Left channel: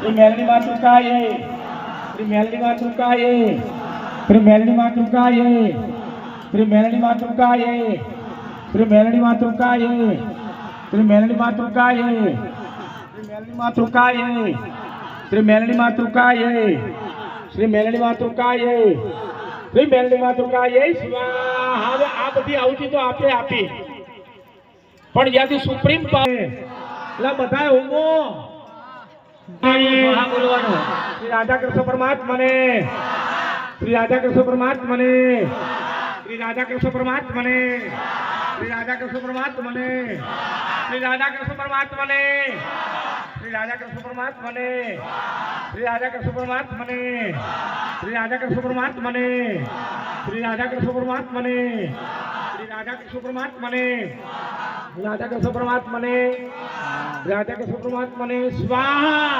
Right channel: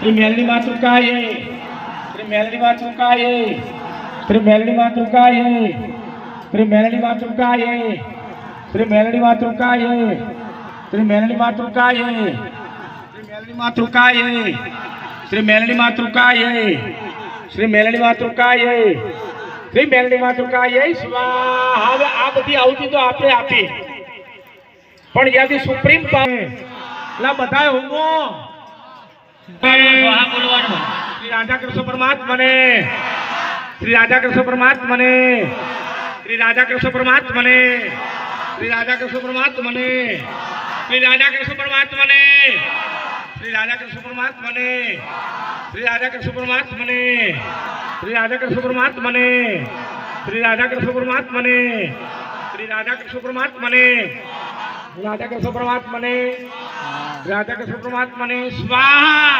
श्री मेलडी मातृकाय श्री मेलडी मातृकाय श्री मेलडी मातृकाय श्री मेलडी मातृकाय श्री मेलडी मातृकाय श्री मेलडी मातृकाय श्री मेलडी मातृकाय श्री मेलडी मातृकाय श्री मेलडी मातृकाय श्री मेलडी मातृकाय स्वाहा। હવે આ બધી આવતી તો આપણે આપી પણ યાદી સુપ્રીમ પાવે એટલે બધાય હોમો સ્વાહા બોલવાનું। શ્રી રાધા કૃષ્ણ પરમાત્માને શ્રી રાધા કૃષ્ણ પરમાત્માને શ્રી રાધા કૃષ્ણ પરમાત્માને શ્રી રાધા કૃષ્ણ પરમાત્માને શ્રી રાધા કૃષ્ણ પરમાત્માને શ્રી રાધા કૃષ્ણ પરમાત્માને શ્રી રાધા કૃષ્ણ પરમાત્માને શ્રી રાધા કૃષ્ણ પરમાત્માને શ્રી રાધા કૃષ્ણ પરમાત્માને શ્રી રાધા કૃષ્ણ પરમાત્માને રાધા કૃષ્ણ પરમાત્માને રાધા કૃષ્ણ પરમાત્માને સ્વાહા।